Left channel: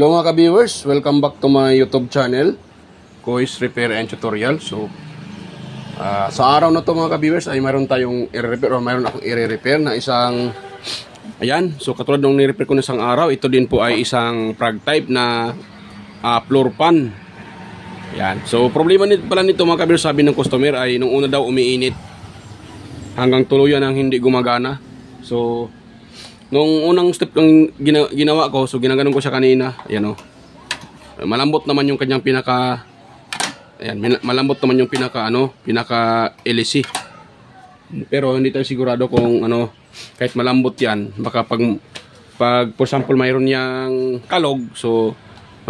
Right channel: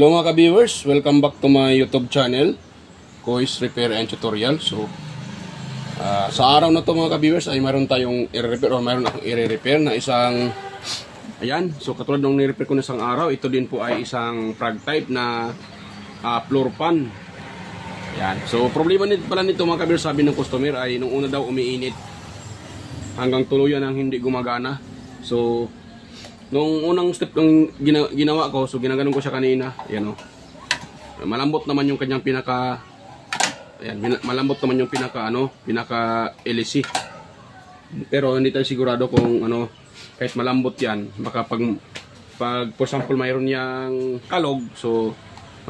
Hello mga ka-viewers, welcome back to my YouTube channel, Kois Repair and Tutorial. So, sa araw na to mga ka-viewers ay mayroon tayong i-repair o mayroon akong i-repair na isang, ayan, so katulad nung ni-repair ko na isang araw, ito din po ay isang frag type na floor pan. Ayan, so problema pala nito mga ka-viewers, sabi ng customer ay nung una daw umiinit hanggang tuluyan ang hindi gumagana. So, nung unang step ng ginawa ko, so ginaganon ko siya kanina, ayan o. Malambot naman yung kanyang pinaka, ayan, malambot naman yung pinaka LC. Pero hindi tayo sigurado kung kahit malambot yan, baka pag for example mayroon niyang kalog, so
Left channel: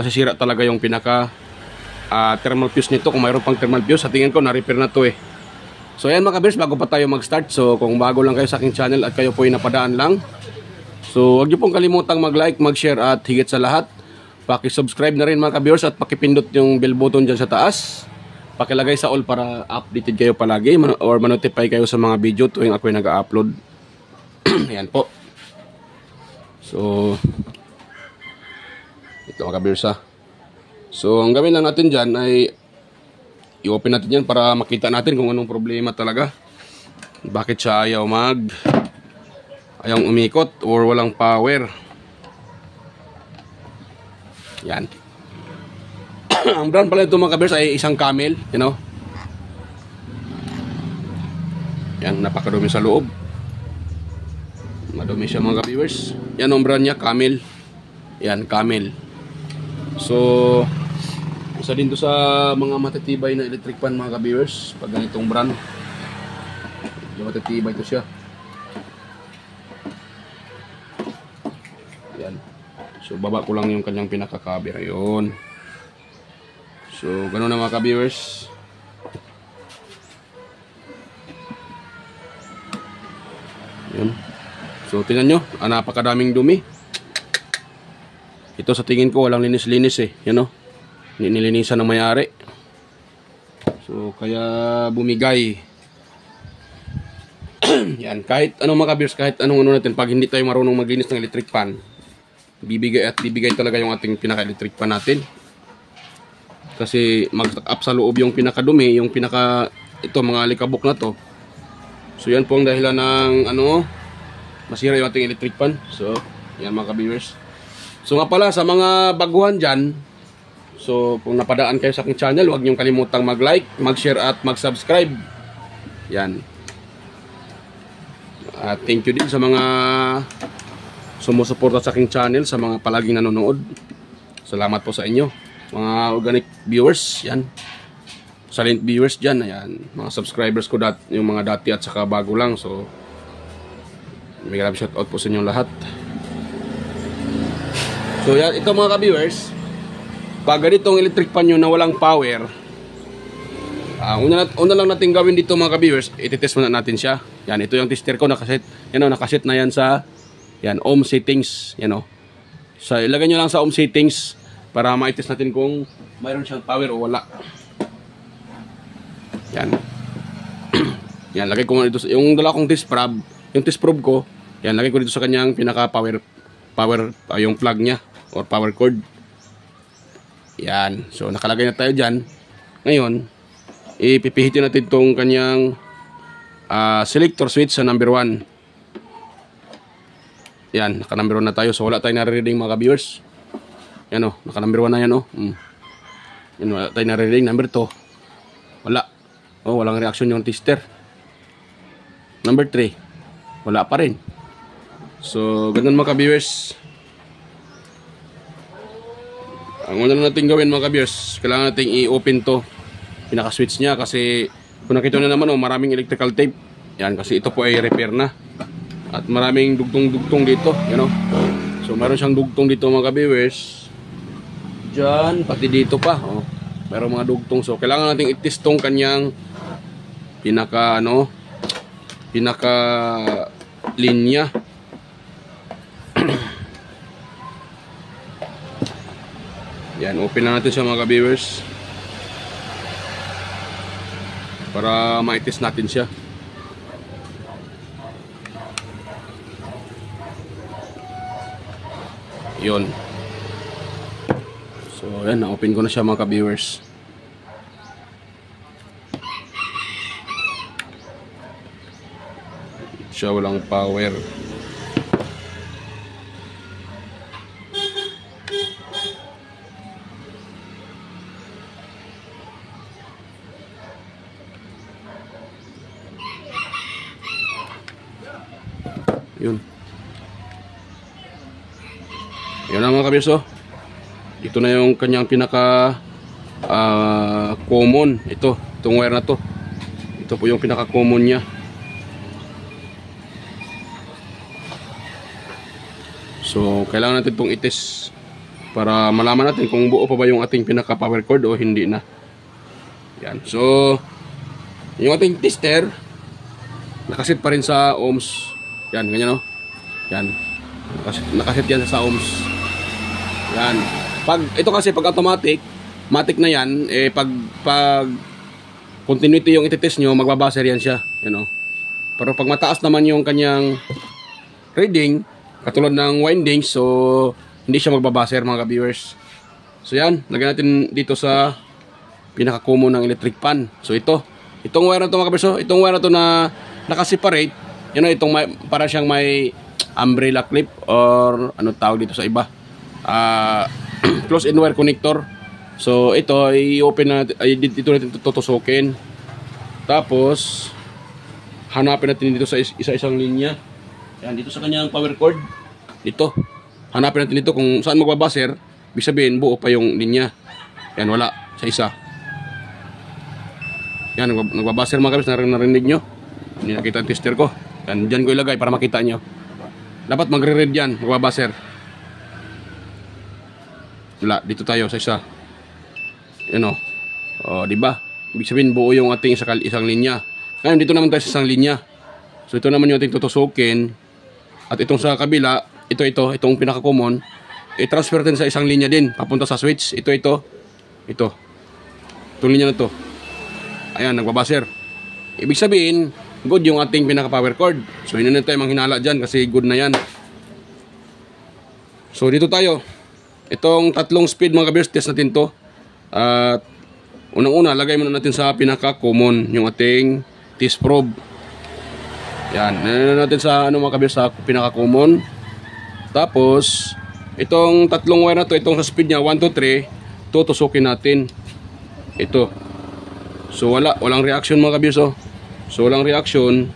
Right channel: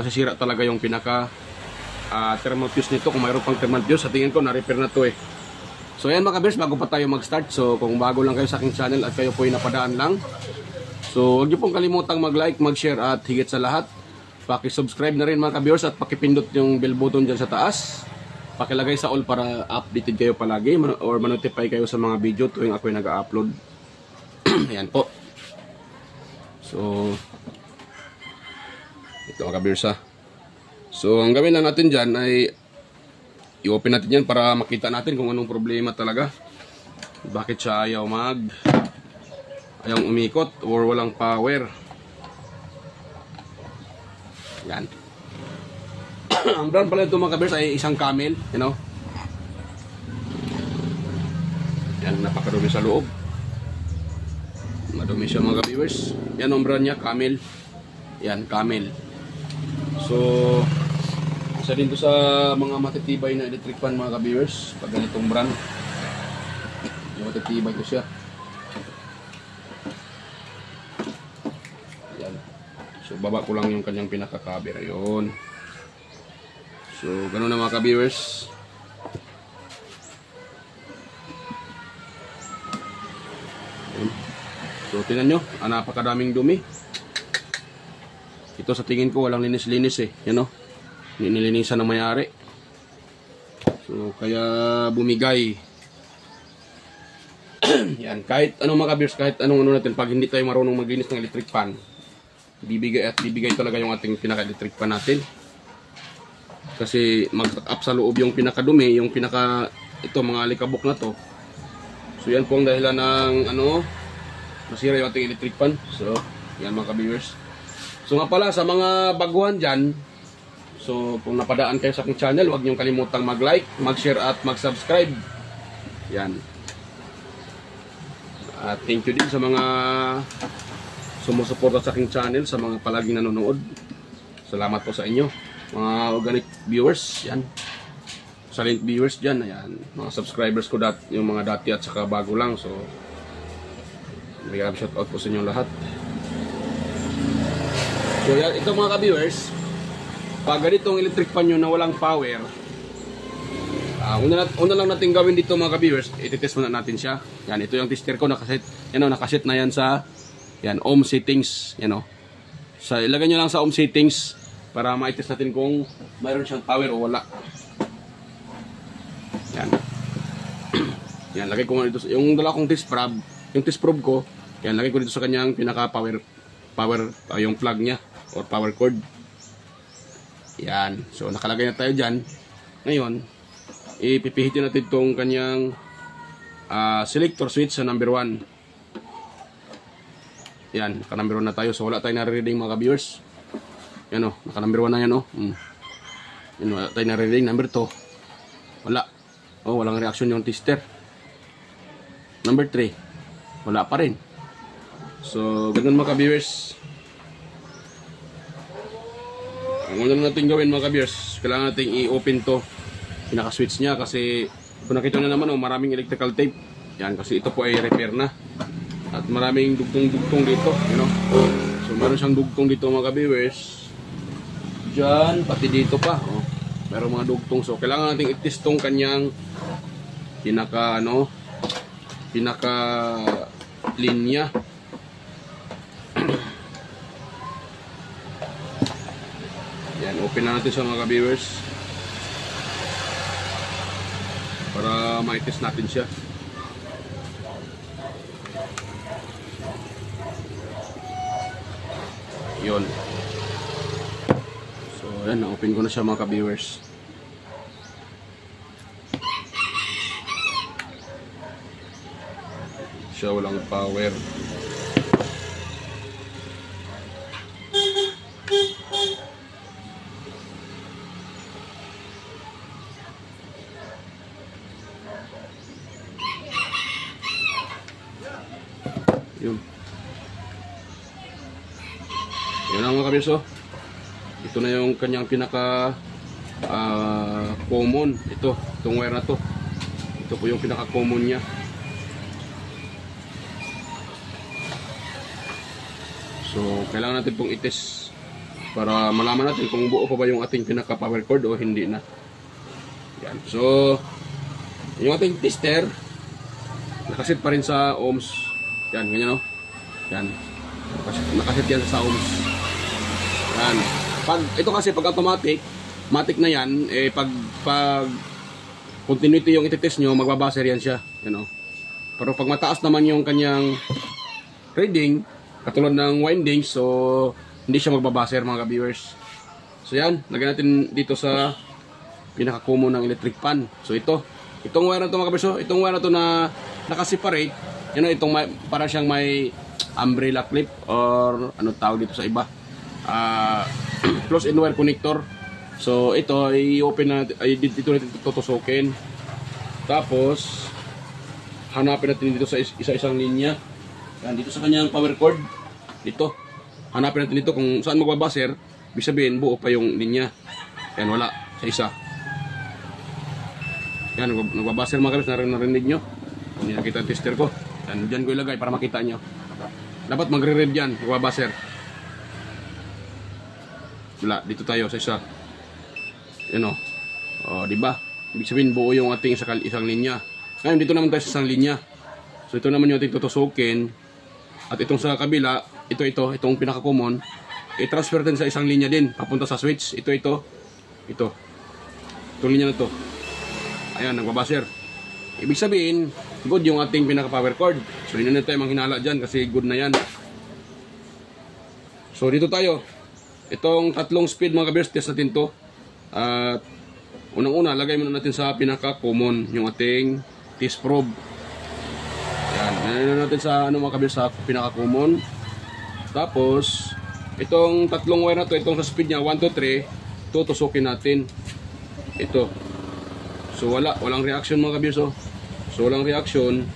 masisira talaga yung pinaka thermal fuse nito. Kung mayroon pang thermal fuse, sa tingin ko na-repair na to eh. So ayan mga ka-viewers, bago pa tayo mag-start, so kung bago lang kayo sa aking channel at kayo po ay napadaan lang, so huwag niyo pong kalimutang mag-like, mag-share at higit sa lahat, paki-subscribe na rin mga ka-viewers at pakipindot yung bell button dyan sa taas. Pakilagay sa all para updated kayo palagi or manotify kayo sa mga video tuwing ako'y nag-upload. Ayan po. So ito mga ka-viewers ha. So ang gawin lang natin dyan ay i-open natin yan para makita natin kung anong problema talaga. Bakit siya ayaw umikot or walang power. Yan. Ang brand pala ito mga ka-viewers ay isang Camel, you know. Yan, napakadumi sa loob. Madumi siya mga ka-viewers. Yan ang brand niya, Camel. Yan, Camel. So isa din to sa mga matitibay na electric fan mga ka-viewers. Pag ganitong brand, matitibay to siya. Yan. So baba ko lang yung kanyang pinaka-cover. Yun. So ganun na mga ka-viewers. Yan. So tingnan nyo, napakadaming dumi. Ito sa tingin ko walang linis-linis eh. Yan o. Nilinisan ng may-ari. So kaya bumigay. Yan, kahit anong mga ka-viewers, kahit anong natin, pag hindi tayo marunong maglinis ng electric fan, bibigay talaga yung ating pinaka-electric fan natin. Kasi mag-up sa loob yung pinakadumi, yung ito mga alikabok na to. So yan po ang dahilan ng masira yung ating electric fan. So yan mga ka-viewers. So nga pala sa mga baguhan dyan, so kung napadaan kayo sa aking channel, huwag niyong kalimutang mag-like, mag-share at mag-subscribe. Yan. At thank you din sa mga sumusuporta sa aking channel, sa mga palaging nanonood. Salamat po sa inyo. Mga organic viewers, yan. Silent viewers dyan, ayan. Mga subscribers ko, yung mga dati at saka bago lang. So, may shout out po sa inyo lahat. So, yan, ito mga ka-viewers, pag ganitong electric pan nyo na walang power, una lang natin gawin dito mga ka-viewers, ititest muna natin siya. Yan, ito yung tester ko, nakaset na yan sa ohm settings. Yan o. So, ilagay nyo lang sa ohm settings para ma-test natin kung mayroon siyang power o wala. Yan. Yan, lagay ko dito yung dala kong test probe, yung test probe ko. Yan, lagay ko dito sa kanyang pinaka-power, yung plug niya or power cord. Yan. So, nakalagay na tayo dyan. Ngayon, ipipihitin natin itong kanyang selector switch sa number 1. Yan. Naka number 1 na tayo. So, wala tayong nare-reading mga ka-viewers. Yan o. Naka number 1 na yan o. Yan, wala tayong nare-reading. Number 2. Wala. O, walang reaction yung tester. Number 3. Wala pa rin. So, ganun mga ka-viewers. Ang una natin gawin mga ka-viewers, kailangan natin i-open to pinaka-switch niya kasi kung nakita na naman maraming electrical tape. Yan, kasi ito po ay repair na. At maraming dugtong-dugtong dito, you know. So meron siyang dugtong dito mga ka-viewers. Diyan, pati dito pa, meron mga dugtong. So kailangan natin i-test tong kanyang pinaka linya. Yan, open na natin siya mga ka-viewers para ma-test natin siya. Yun. Ayan, na-open ko na siya mga ka-viewers. Siya walang power. Yun. Yun na mga ka-viewers, oh. Ito na yung kanyang pinaka common. Itong wire na to. Ito po yung pinaka common niya. So kailangan natin itong itis para malaman natin kung buo pa ba yung ating pinaka power cord o hindi na. Yan. So yung ating tester nakasit pa rin sa ohms. Yan, ganyan, no? Yan. Nakasit yan sa ohms. Yan. Ito kasi pag automatic, matic na yan, pag continuity yung ititest nyo, magbabaser yan siya, you know. Pero pag mataas naman yung kanyang reading, katulad ng winding, so hindi siya magbabaser mga ka-viewers. So yan, lagyan natin dito sa pinaka-common ng electric pan. So itong wire na to mga ka-viewers, itong wire na to na nakaseparate, you know, itong para siyang may umbrella clip or ano tawag dito sa iba. Close-in wire connector. So ito i-open na natin, dito natin tutusukin. Tapos hanapin natin dito sa isa-isang linya. Yan, dito sa kanyang power cord. Dito. Hanapin natin dito kung saan magbabaser. Ibig sabihin buo pa yung linya. Yan, wala sa isa. Yan, nagbabaser mga kabis. Narinig nyo. Hindi nakita ang tester ko. Yan, dyan ko ilagay para makita nyo. Dapat magre-red yan. Nagbabaser. Wala, dito tayo sa isa. Yan o. O, diba? Ibig sabihin buo yung ating isang linya. Ngayon, dito naman tayo sa isang linya. So, ito naman yung ating tutusukin. At itong sa kabila, itong pinaka-common, i-transfer din sa isang linya din. Papunta sa switch. Ito. Itong linya na to. Ayan, nagbabaser. Ibig sabihin, good yung ating pinaka-power cord. So, hindi na tayo manghinala dyan kasi good na yan. So, dito tayo. Itong tatlong speed mga kabiyers, test natin to. At unang-una, lagay muna natin sa pinaka-common yung ating test probe. Yan, nanonood natin sa mga kabiyers sa pinaka-common. Tapos, itong tatlong wire na to, itong sa speed niya 1, 2, 3, tutusukin natin. Ito. So walang reaction mga kabiyers, oh. So walang reaction.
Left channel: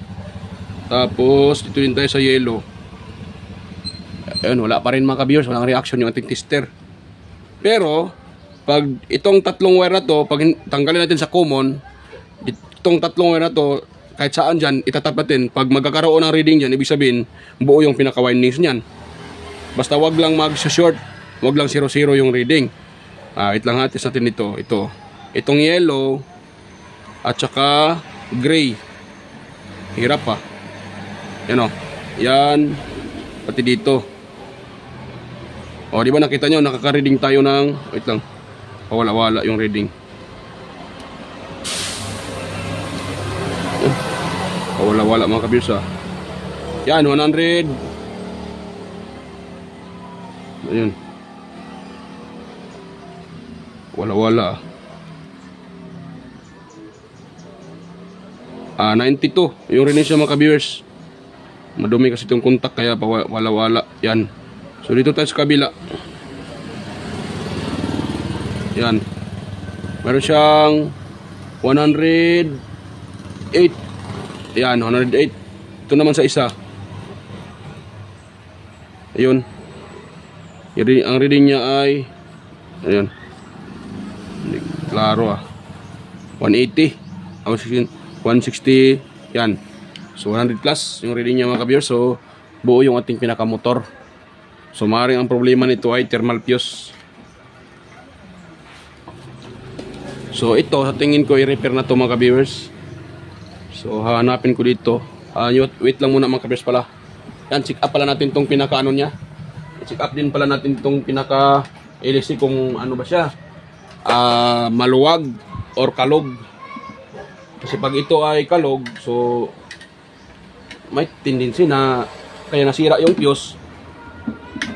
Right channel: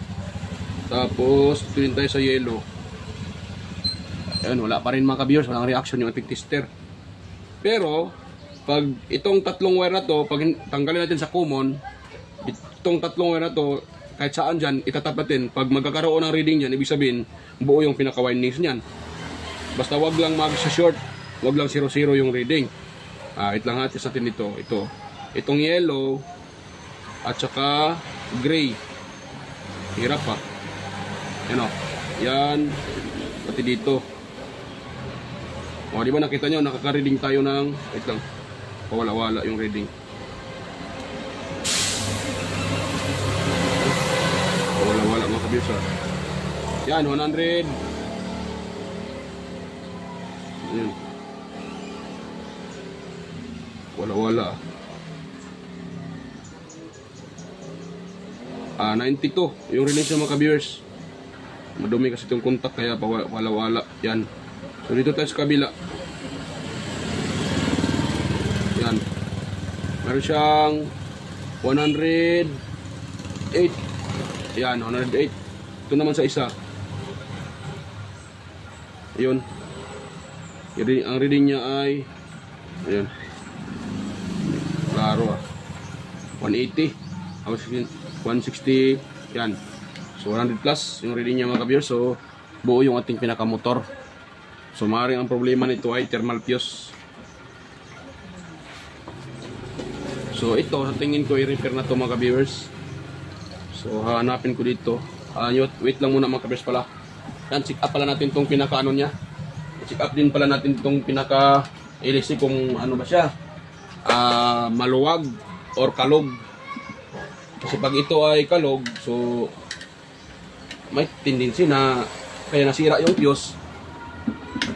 Tapos dito din tayo sa yellow. Ayun, wala pa rin mga kabiyers, walang reaction yung ating tester. Pero pag itong tatlong wire na to, pag tanggalin natin sa common, itong tatlong wire na to, kahit saan dyan, itatap natin. Pag magkakaroon ng reading dyan, ibig sabihin, buo yung pinaka-windings nyan. Basta wag lang mag-short, wag lang 0-0 yung reading. Wait lang ha, test natin ito. Itong yellow, at saka gray. Hirap pa. Yan o. Yan. Pati dito. O, di ba nakita nyo, nakaka-reading tayo ng, wait lang, pawala-wala yung reading. Wala mga kabiyers, ha. Yan, 100. Ayan. Wala. 92. Yung rin siya mga kabiyers. Madumi kasi itong contact kaya wala. Yan. So dito tayo sa kabila. Yan. Meron siyang 108. Yan, 108. Ito naman sa isa. Ayun. Ang reading niya ay ayun. Klaro 180. 160. Yan. So 100 plus yung reading niya mga kabiyers. So buo yung ating pinakamotor. So maaaring ang problema nito ay thermal fuse. So ito sa tingin ko i-repair na to mga kabiyers. So hanapin ko dito. Wait lang muna mga kabiyers pala. Yan, check up pala natin tong pinaka ano niya. Check up din pala natin tong pinaka LC kung ano ba siya. Maluwag or kalog. Kasi pag ito ay kalog, so may tendency na kaya nasira yung fuse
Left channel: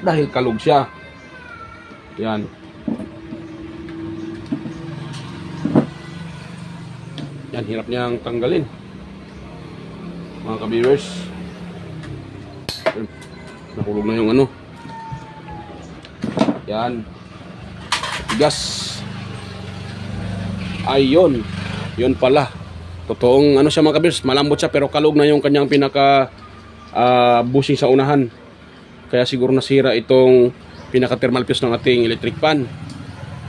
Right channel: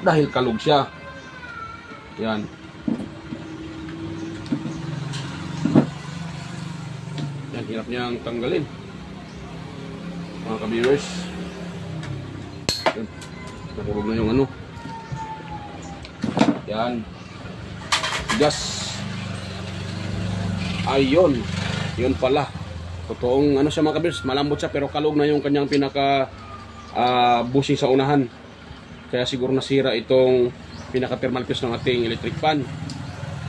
dahil kalog siya. Yan. Yan, hirap niyang tanggalin. Mga ka-viewers. Nahulog na yung ano. Yan. Gas. Ayun. Yun pala. Totoong ano siya mga ka-viewers, malambot siya pero kalog na yung kanyang pinaka bushing sa unahan. Kaya siguro nasira itong pinaka thermal fuse ng ating electric fan.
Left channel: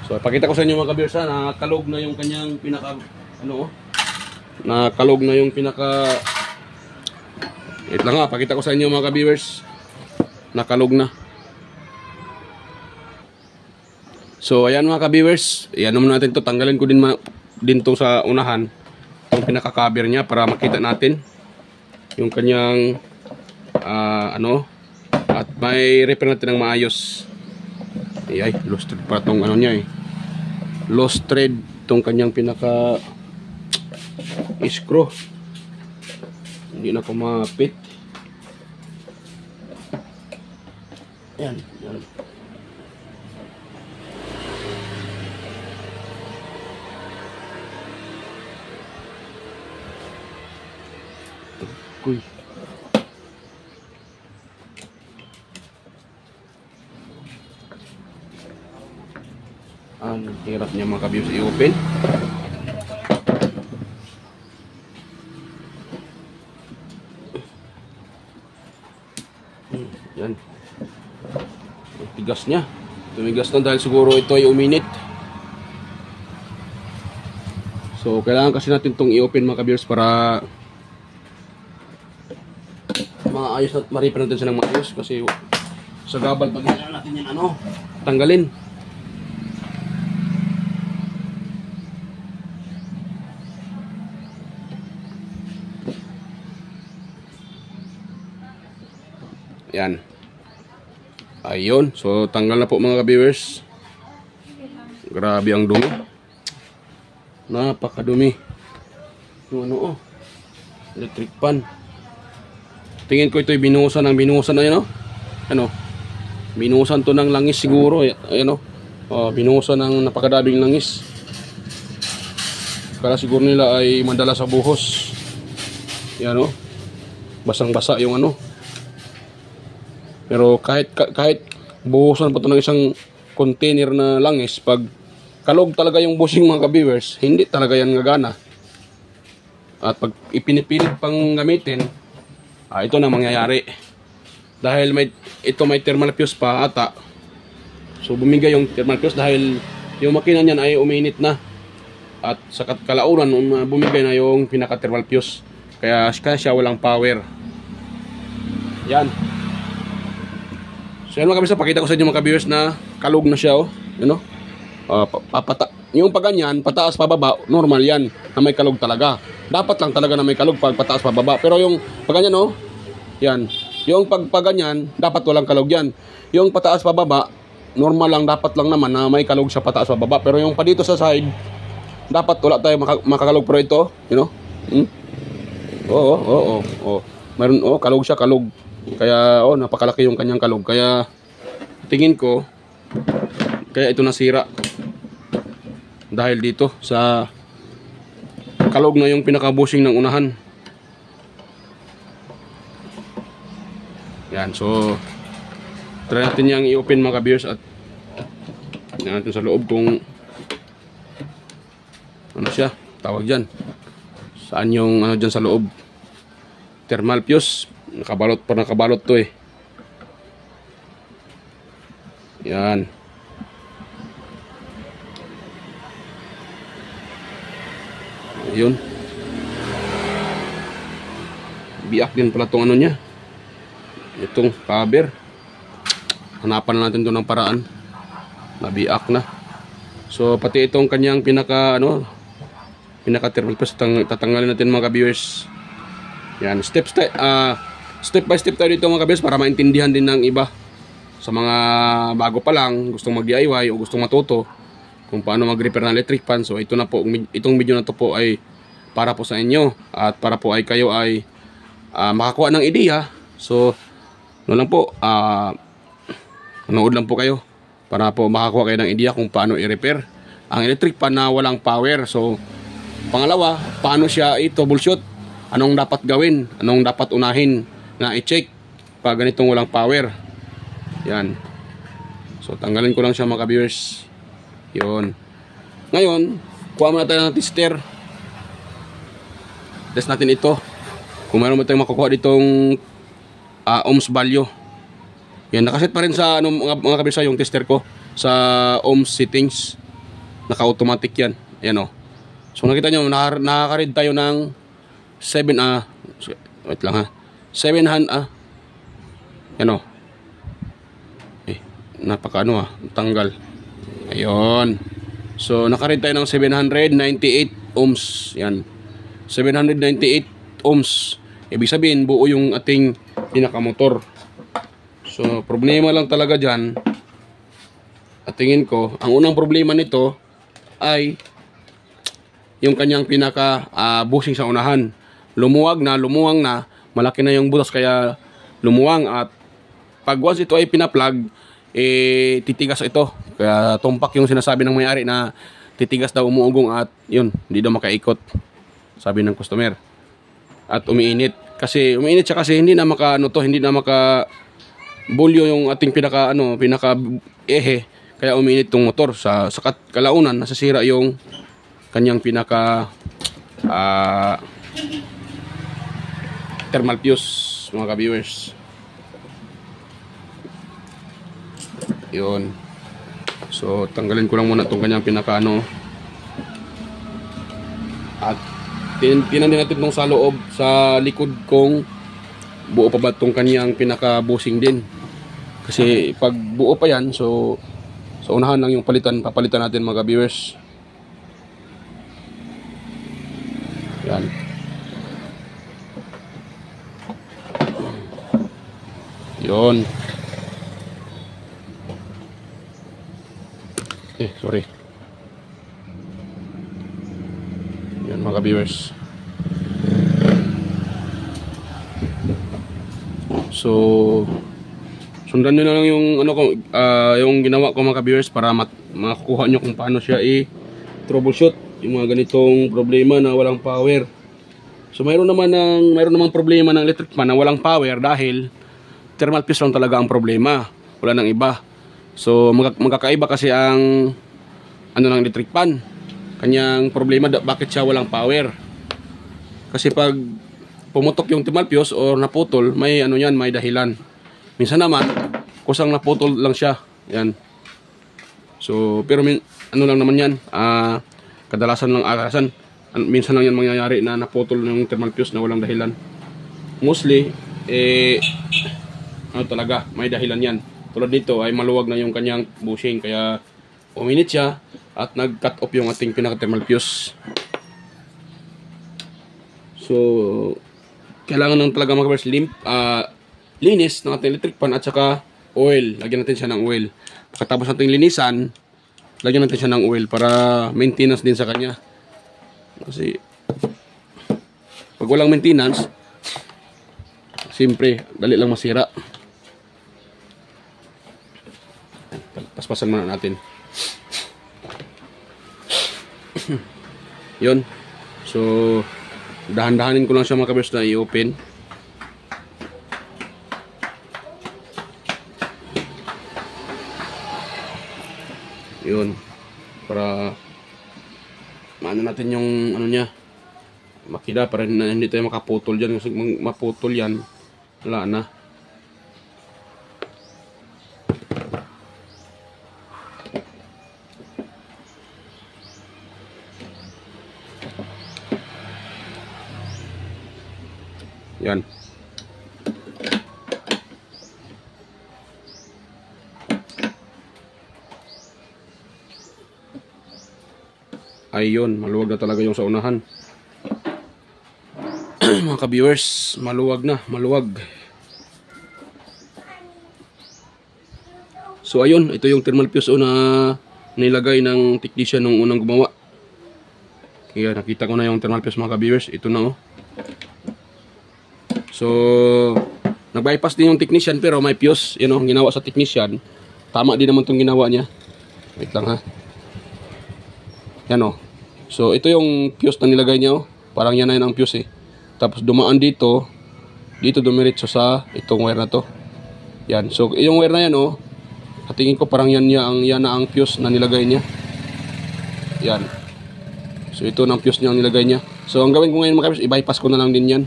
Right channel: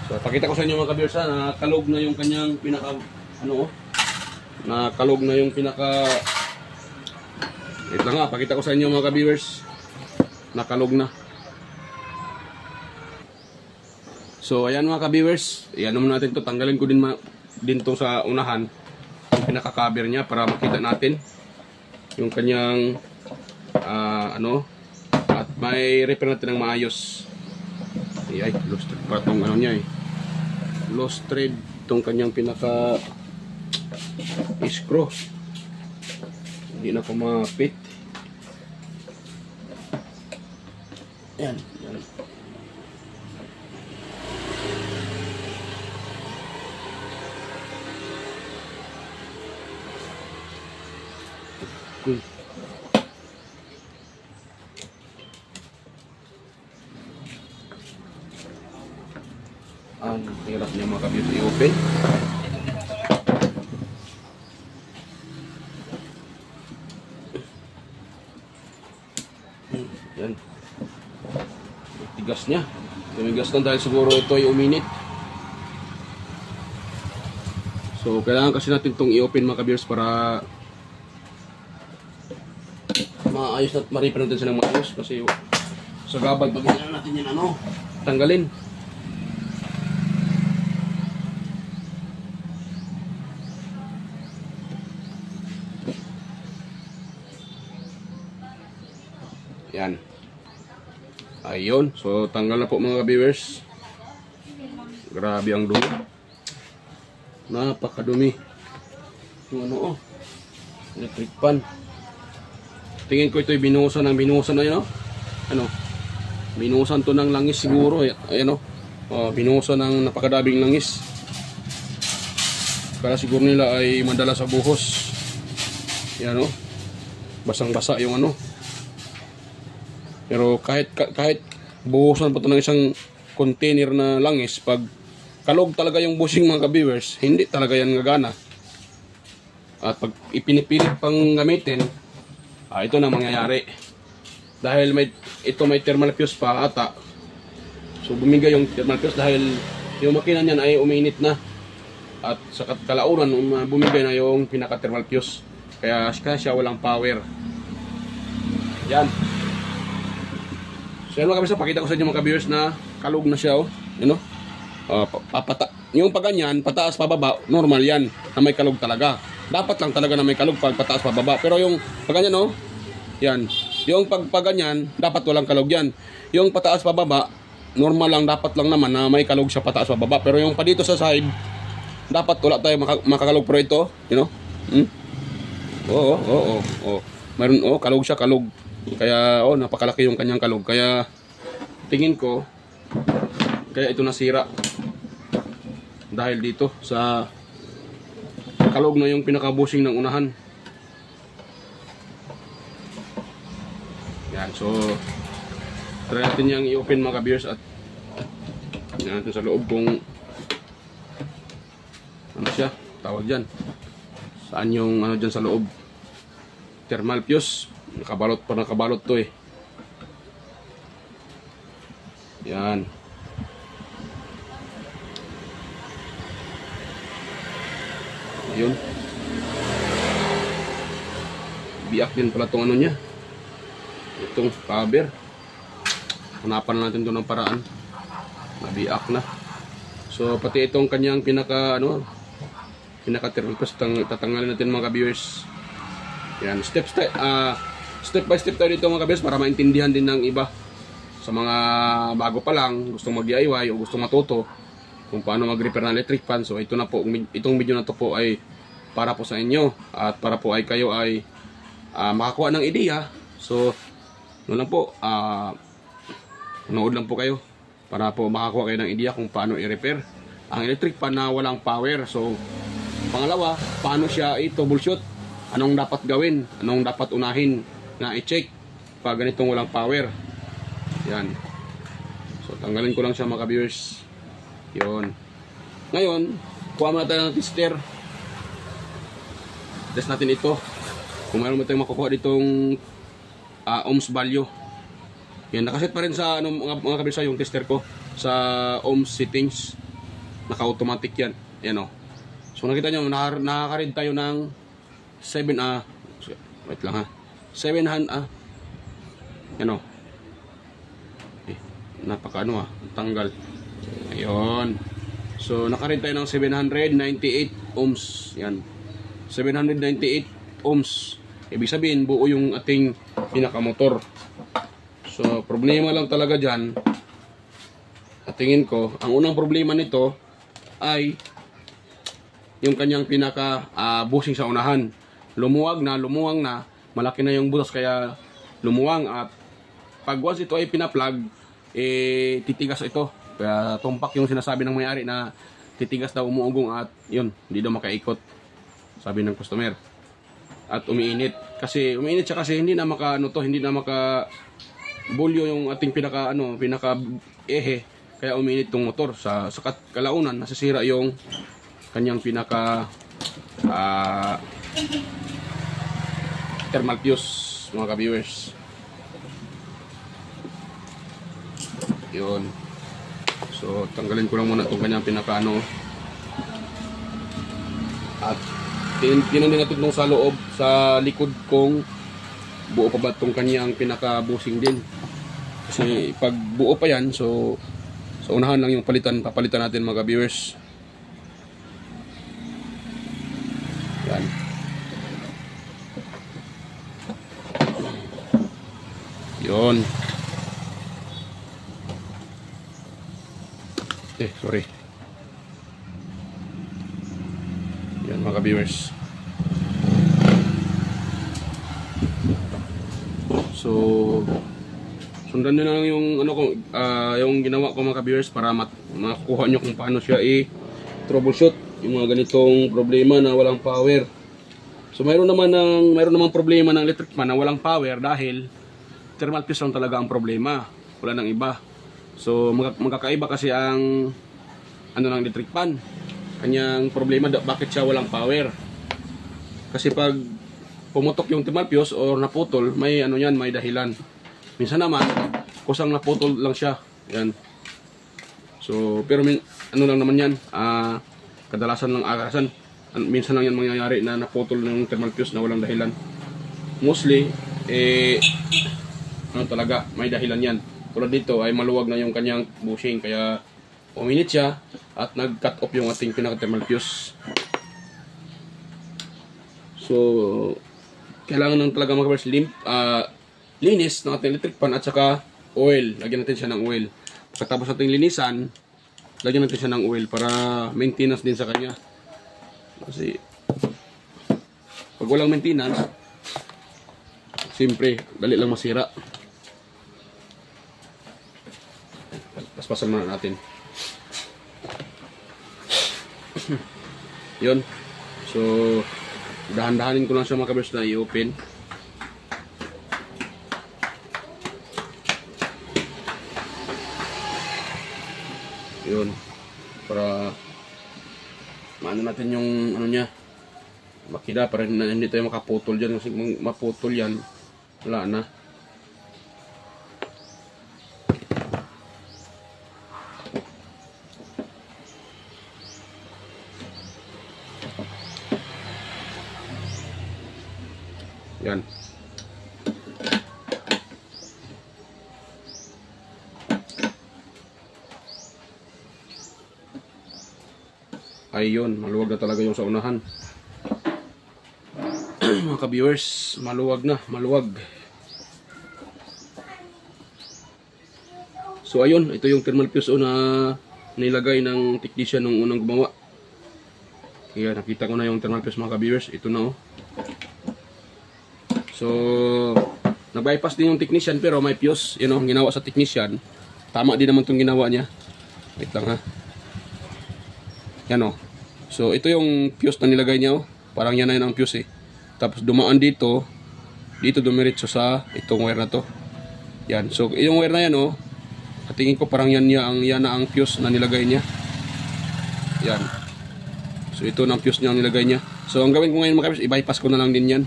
So pakita ko sa inyo mga ka-viewers, nakalog na yung kanyang pinaka ano, nakalog na yung pinaka, ito lang nga, pakita ko sa inyo mga ka-viewers, nakalog na. So ayan mga ka-viewers, ayan naman natin to, tanggalin ko din to sa unahan, yung pinaka-cover niya para makita natin yung kanyang ano, at may repair natin ng maayos. Ay, lost thread pa tong ano niya eh, lost thread tong kanyang pinaka screw, hindi na kumapit. Ayan, ayan. Uy. Ang hirap niya mga ka-viewers i-open. Yan. Tigas niya. Tumigas na dahil siguro ito ay uminit. So kailangan kasi natin itong i-open mga ka-viewers para maayos at ma-repair natin siya ng maayos, kasi sa gabal pag hinala natin yan ano, tanggalin. Yan. Ayun. So tanggal na po mga ka-viewers. Grabe ang dumi. Napakadumi. Yung ano, electric fan. Tingin ko ito ay binuhusan ng binuhusan na yan, ano? Binuhusan to ng langis siguro. Ayan o. Binuhusan ng napakadabing langis. Kaya siguro nila ay madala sa buhos. Yan o. Basang-basa yung ano. Pero kahit buhusan pa ito ng isang container na langis, pag kalog talaga yung bushing mga ka-viewers, hindi talaga yan gagana. At pag ipinipilit pang gamitin, ito na mangyayari. Dahil may thermal fuse pa ata. So bumigay yung thermal fuse dahil yung makina niyan ay uminit na. At sa kalaunan bumigay na yung pinaka thermal fuse. Kaya siya walang power. Yan. So yun mga kabisa, pakita ko sa inyo mga ka-viewers na kalog na siya, you know? Yung pag ganyan, pataas pababa, normal yan na may kalog talaga. Dapat lang talaga na may kalog pag pataas pababa. Pero yung pag ganyan, yan. Yung pag ganyan, dapat walang kalog yan. Yung pataas pababa, normal lang, dapat lang naman na may kalog siya pataas pababa. Pero yung pa dito sa side, dapat wala tayo makakalog. Pero ito, you know? Oo. Meron, kalog siya, kalog. Kaya, napakalaki yung kanyang kalog. Kaya, tingin ko, kaya ito nasira. Dahil dito, sa kalog na yung pinaka-bushing ng unahan. Yan, so, try natin yung i-open mga ka-viewers at tingnan natin sa loob kung ano siya, tawag dyan. Saan yung ano dyan sa loob. Thermal fuse. Nakabalot to eh. Yan. Yun. Biak din pala tong ano niya. Itong cover. Hanapan natin to ng paraan. Nabiak na. So pati itong kanyang pinaka thermal fuse tatanggalin natin mga ka-viewers. Yan, step by step tayo dito mga ka-viewers para maintindihan din ng iba sa mga bago pa lang, gustong mag-DIY o gustong matuto kung paano mag-repair ng electric fan. So ito na po, itong video na to po ay para po sa inyo at para po ay kayo ay makakuha ng ideya. So ano lang po, manood lang po kayo para po makakuha kayo ng ideya kung paano i-repair ang electric fan na walang power. So Pangalawa, paano siya i-troubleshoot? Anong dapat gawin? Anong dapat unahin na i-check pag ganitong walang power? Yan. So, tanggalin ko lang siya mga ka-viewers. Yun. Ngayon, kuha muna tayo ng tester. Test natin ito. Kung meron mo tayong makukuha ditong ohms value. Yan, nakaset pa rin sa mga ka-viewers yung tester ko sa ohms settings. Naka-automatic yan. Ayan o. So nakita nyo, nakaka-read tayo ng 7 wait lang ha. 700 Yan o. Napaka tanggal. Ayun. So naka-read tayo ng 798 ohms. Yan. 798 ohms. Ibig sabihin, buo yung ating pinakamotor. So problema lang talaga dyan. At tingin ko, ang unang problema nito ay yung kanyang pinaka bushing sa unahan. Lumuwang na, malaki na yung butas kaya lumuwang, at pag once ito ay pinaplug, titigas ito. Kaya tumpak yung sinasabi ng may-ari na titigas daw, umuugong, at yun, hindi daw makaikot, sabi ng customer. At umiinit. Kasi umiinit siya kasi hindi na hindi na maka bulyo yung ating pinaka ehe. Kaya umiinit tong motor sa kalaunan, nasasira yung kanyang pinaka thermal fuse mga ka-viewers. Yun. So tanggalin ko lang muna itong kanyang pinaka at tinan din natin itong sa loob, sa likod kung buo pa ba itong kanyang pinaka bushing din. Kasi pag buo pa yan, so sa unahan lang yung papalitan natin mga ka-viewers. Yan. Yun. Sorry. Yan mga ka-viewers. So sundan nyo na lang yung yung ginawa ko mga ka-viewers para makakuha nyo kung paano siya i-troubleshoot yung mga ganitong problema na walang power. So mayroon namang problema ng electric fan na walang power dahil thermal fuse lang talaga ang problema, wala nang iba. So magkakaiba kasi ang ng electric fan. Kanyang problema, bakit siya walang power? Kasi pag pumutok yung thermal fuse or naputol, may may dahilan. Minsan naman kusang naputol lang siya. Yan. So pero lang naman yan, kadalasan lang minsan lang yan mangyayari na naputol ng thermal fuse na walang dahilan. Mostly talaga may dahilan yan. Tulad dito ay maluwag na yung kanyang bushing, kaya uminit siya at nag-cut off yung ating pinaka thermal fuse. So kailangan lang talaga linis ng ating electric fan at saka oil. Lagyan natin siya ng oil. Pagkatapos natin linisan, lagyan natin siya ng oil para maintenance din sa kanya. Kasi pag walang maintenance, siyempre dali lang masira. Paspasan muna natin. Yun. So dahan-dahanin ko lang siya mga ka-viewers na i-open. Yun. Para maano natin yung niya, makina, para hindi tayo makaputol dyan. Kasi maputol yan, wala na. Yan. Ayun, maluwag na talaga yung sa unahan. Mga ka-viewers, maluwag na, maluwag. So ayun, ito yung thermal fuse na nilagay ng technician nung unang gumawa. Kaya nakita ko na yung thermal fuse mga ka-viewers. Ito na So nag-bypass din yung technician pero may fuse, ginawa sa technician. Tama din naman itong ginawa niya. Wait lang ha. Yan So ito yung fuse na nilagay niya, oh. Parang yan na yun ang fuse eh. Tapos dumaan dito dumiretso sa itong wire na to. Yan. So yung wire na yan, oh, sa tingin ko parang yan na ang fuse na nilagay niya. Yan. So ito na ang fuse niya ang nilagay niya. So ang gawin ko ngayon mga kabiyers, i-bypass ko na lang din yan.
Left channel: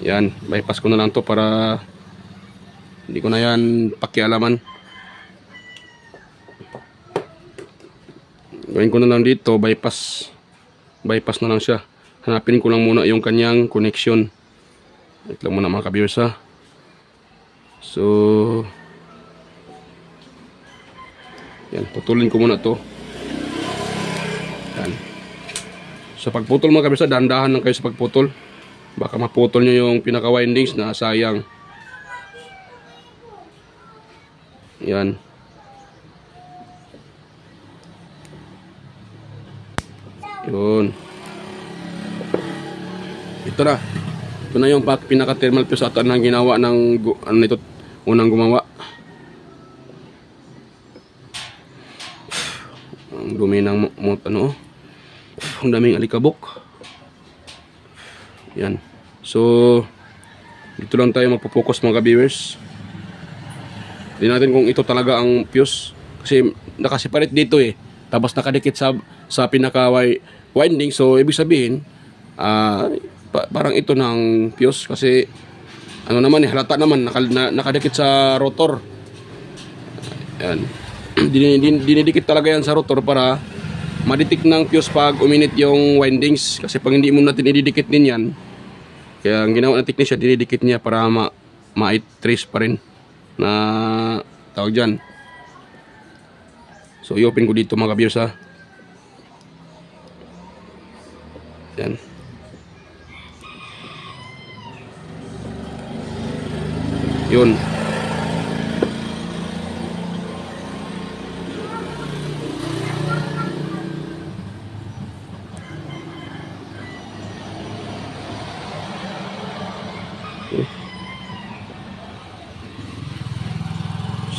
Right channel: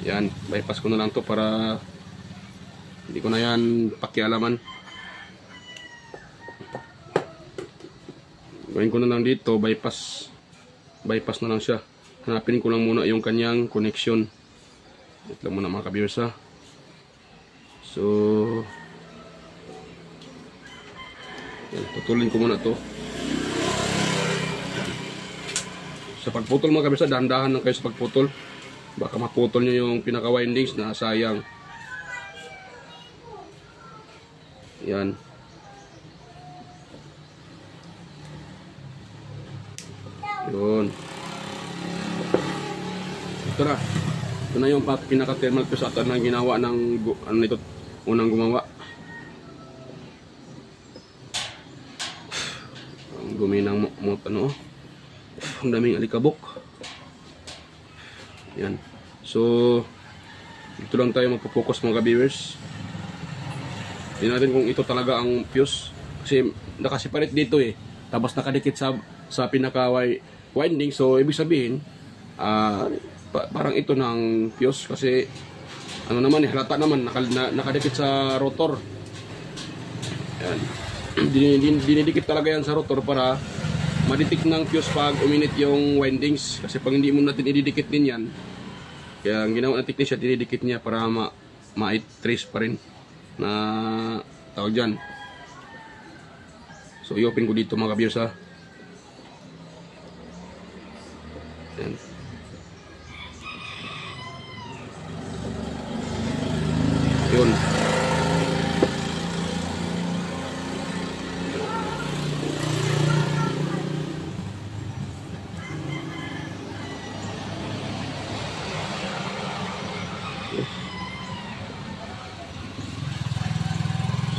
Yan, bypass ko na lang to para hindi ko na yan pakialaman. Gawin ko na lang dito, bypass na lang siya. Hanapin ko lang muna yung kanyang connection. Wait lang muna mga kabiyers, ha. So yan, putulin ko muna to. Yan. Sa pagputol mga kabiyers, dahan-dahan lang kayo sa pagputol. Baka maputol nyo yung pinaka windings na sayang. Yan. Yun. Ito na. Ito na yung pinaka thermal fuse at ang ginawa ng ano nito, unang gumawa. Ang dumi ng ano. Ang daming alikabok. Yan. So dito lang tayo magpo-focus mga ka-viewers. Tingnan natin kung ito talaga ang fuse kasi nakaseparate dito eh. Tapos nakadikit sa pinaka winding, so ibig sabihin parang ito ng fuse kasi ano naman eh, halata naman nakadikit sa rotor. Yan. Dinidikit talaga yan sa rotor para maditik ng fuse pag uminit yung windings, kasi pag hindi mo natin ididikit din yan, kaya ang ginawa ng technician, dinidikit niya para ma-trace pa rin na tawag dyan. So i-open ko dito mga ka-viewers, ha. Yan. Yun.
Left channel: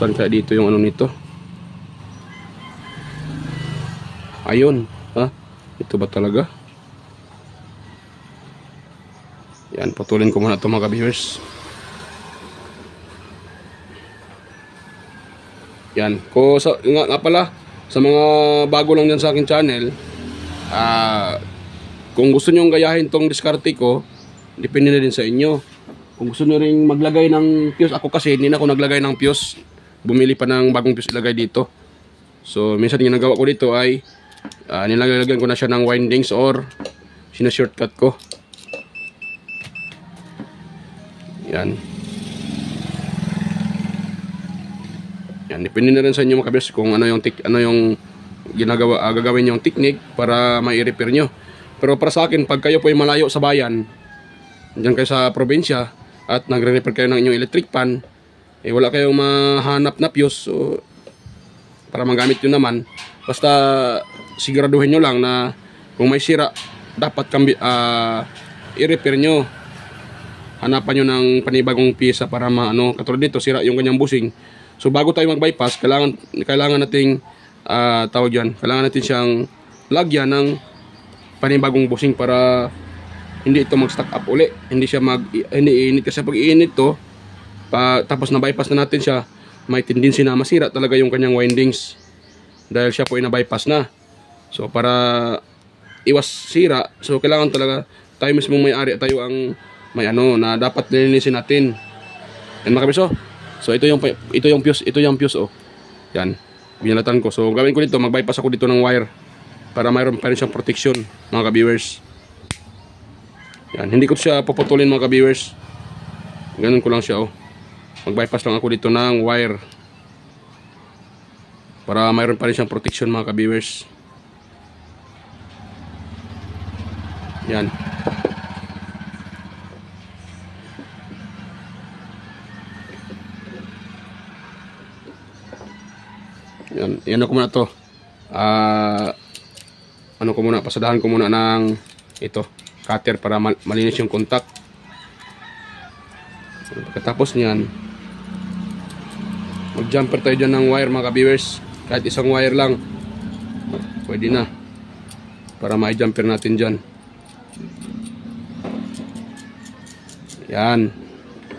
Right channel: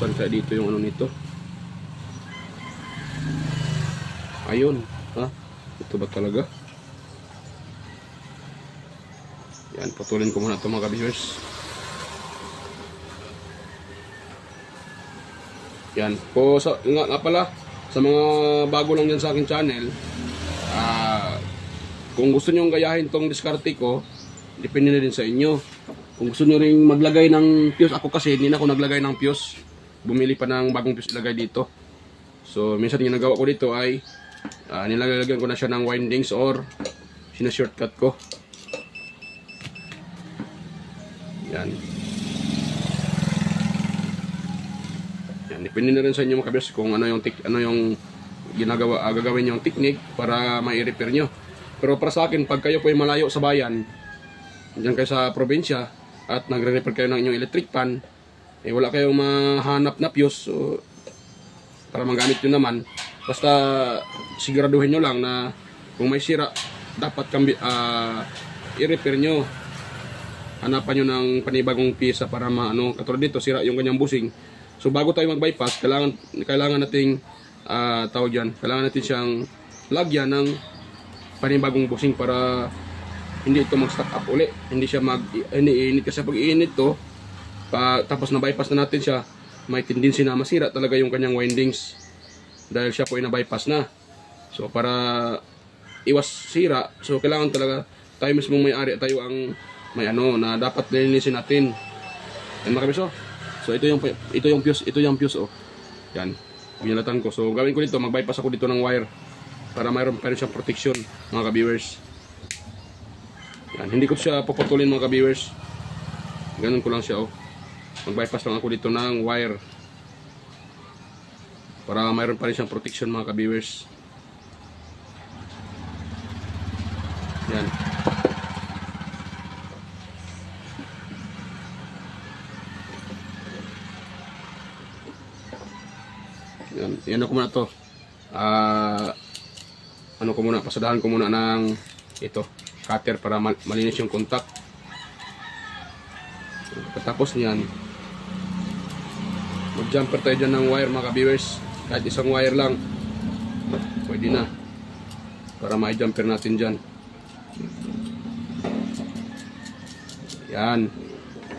Saan kaya dito yung ano nito? Ayun, ha? Ito ba talaga? Yan, putulin ko muna ito mga ka-viewers. Yan, nga pala, sa mga bago lang dyan sa akin channel, kung gusto nyo gayahin tong diskarte ko, depende na din sa inyo. Kung gusto nyo rin maglagay ng fuse, ako kasi hindi na ako naglagay ng fuse, bumili pa ng bagong fuse ilagay dito. So minsan ginagawa ko dito ay nilalagyan ko na siya ng windings or sinashortcut ko. Yan. Yan, depende na rin sa inyo mga kabiyers kung ano yung gagawin yung technique para mai-repair nyo. Pero para sa akin, pag kayo po ay malayo sa bayan, diyan kayo sa probinsya at nagre-repair kayo ng inyong electric pan, eh wala kayong mahanap na fuse, so para magamit nyo naman, basta siguraduhin nyo lang na kung may sira, dapat i-repair nyo. Hanapan nyo ng panibagong pyesa para katulad dito, sira yung kanyang busing. So bago tayo mag-bypass, kailangan nating tawag dyan, kailangan natin siyang lagyan ng panibagong busing para hindi ito mag-stack up uli. Hindi siya hindi init, kasi pag iinit to, tapos na-bypass na natin siya, may tendency na masira talaga yung kanyang windings dahil siya po ay na-bypass na. So para iwas sira, so kailangan talaga tayo mismo may-ari, tayo ang may na dapat linisin natin. Yan mga kabiyers, so ito yung fuse, oh. Yan, binalatan ko. So gawin ko dito, mag-bypass ako dito ng wire para mayroon pa rin siyang protection mga ka-viewers. Yan, hindi ko siya puputulin mga ka-viewers. Ganun ko lang siya, oh. Mag-bypass lang ako dito ng wire para mayroon pa rin siyang protection mga ka-viewers. Yan. Yan ako muna to. Pasadahan ko muna ng ito, cutter para malinis yung contact. Pagkatapos niyan, mag-jumper tayo dyan ng wire mga ka-viewers. Kahit isang wire lang. pwede na. Para ma-jumper natin dyan. Yan.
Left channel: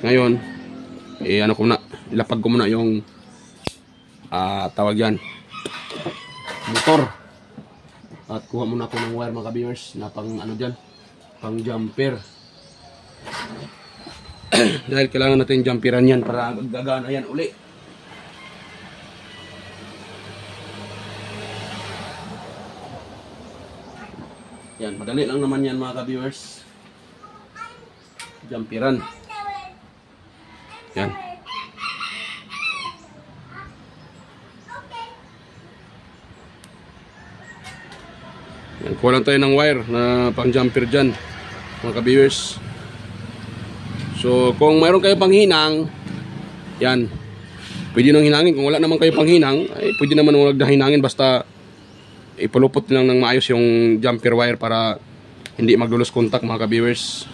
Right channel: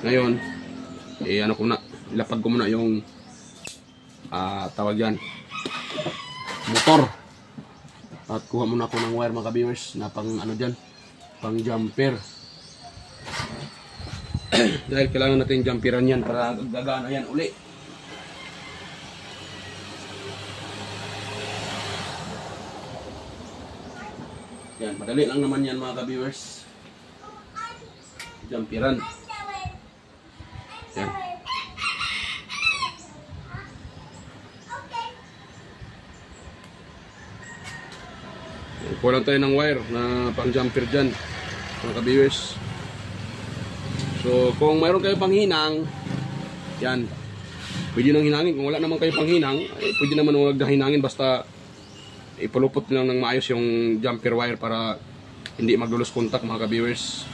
Ngayon, ano ko na, ilapag ko muna yung tawag yan, motor. At kuha muna ako ng wire mga ka-viewers na pang ano dyan, pang jumper. Dahil kailangan natin jumperan yan para gagana yan uli. Yan, madali lang naman yan mga ka-viewers. Jumperan. Yan. Yan, kuha lang tayo ng wire na pang jumper dyan mga ka-viewers. So kung mayroon kayo pang hinang, yan, pwede nang hinangin. Kung wala naman kayo pang hinang, ay pwede naman huwag na hinangin, basta ipulupot lang ng maayos yung jumper wire para hindi maglulos contact mga ka-viewers.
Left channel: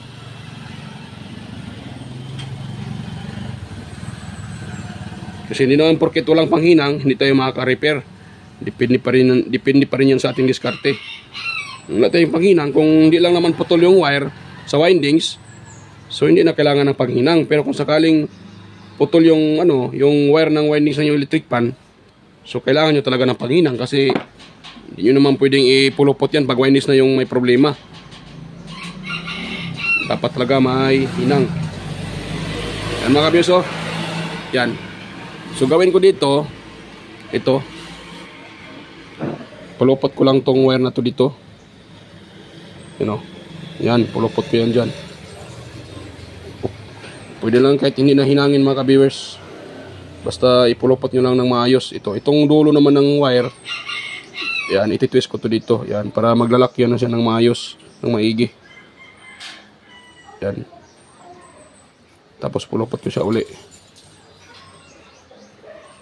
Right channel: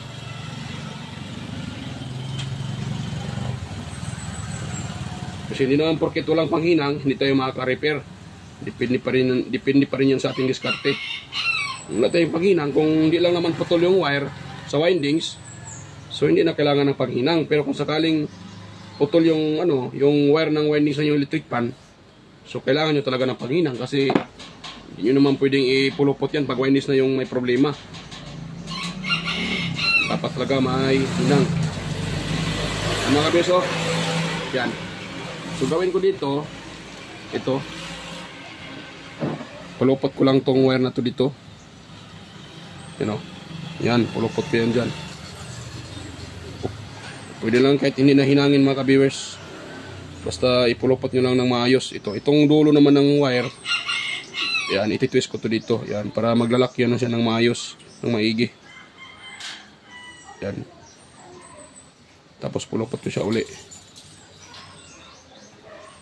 Kasi hindi naman porket walang panghinang, hindi tayo makaka-repair. Depende pa rin yan sa ating diskarte. Kung wala tayong panghinang, kung hindi lang naman putol yung wire sa windings, so hindi na kailangan ng panghinang. Pero kung sakaling putol yung yung wire ng windings ng electric pan, so kailangan nyo talaga ng panghinang kasi hindi nyo naman pwedeng ipulupot yan pag windings na yung may problema. Dapat talaga may hinang. Yan mga kabiso. Yan. So gawin ko dito, ito, pulupot ko lang tong wire na to dito. Yan, pulupot ko yan dyan. Pwede lang kahit hindi na hinangin mga ka-viewers. Basta ipulupot nyo lang ng maayos. Itong dulo naman ng wire, yan, ititwist ko to dito. Yan, para maglalak yan na siya ng maayos, ng maigi. Yan. Tapos pulupot ko siya uli.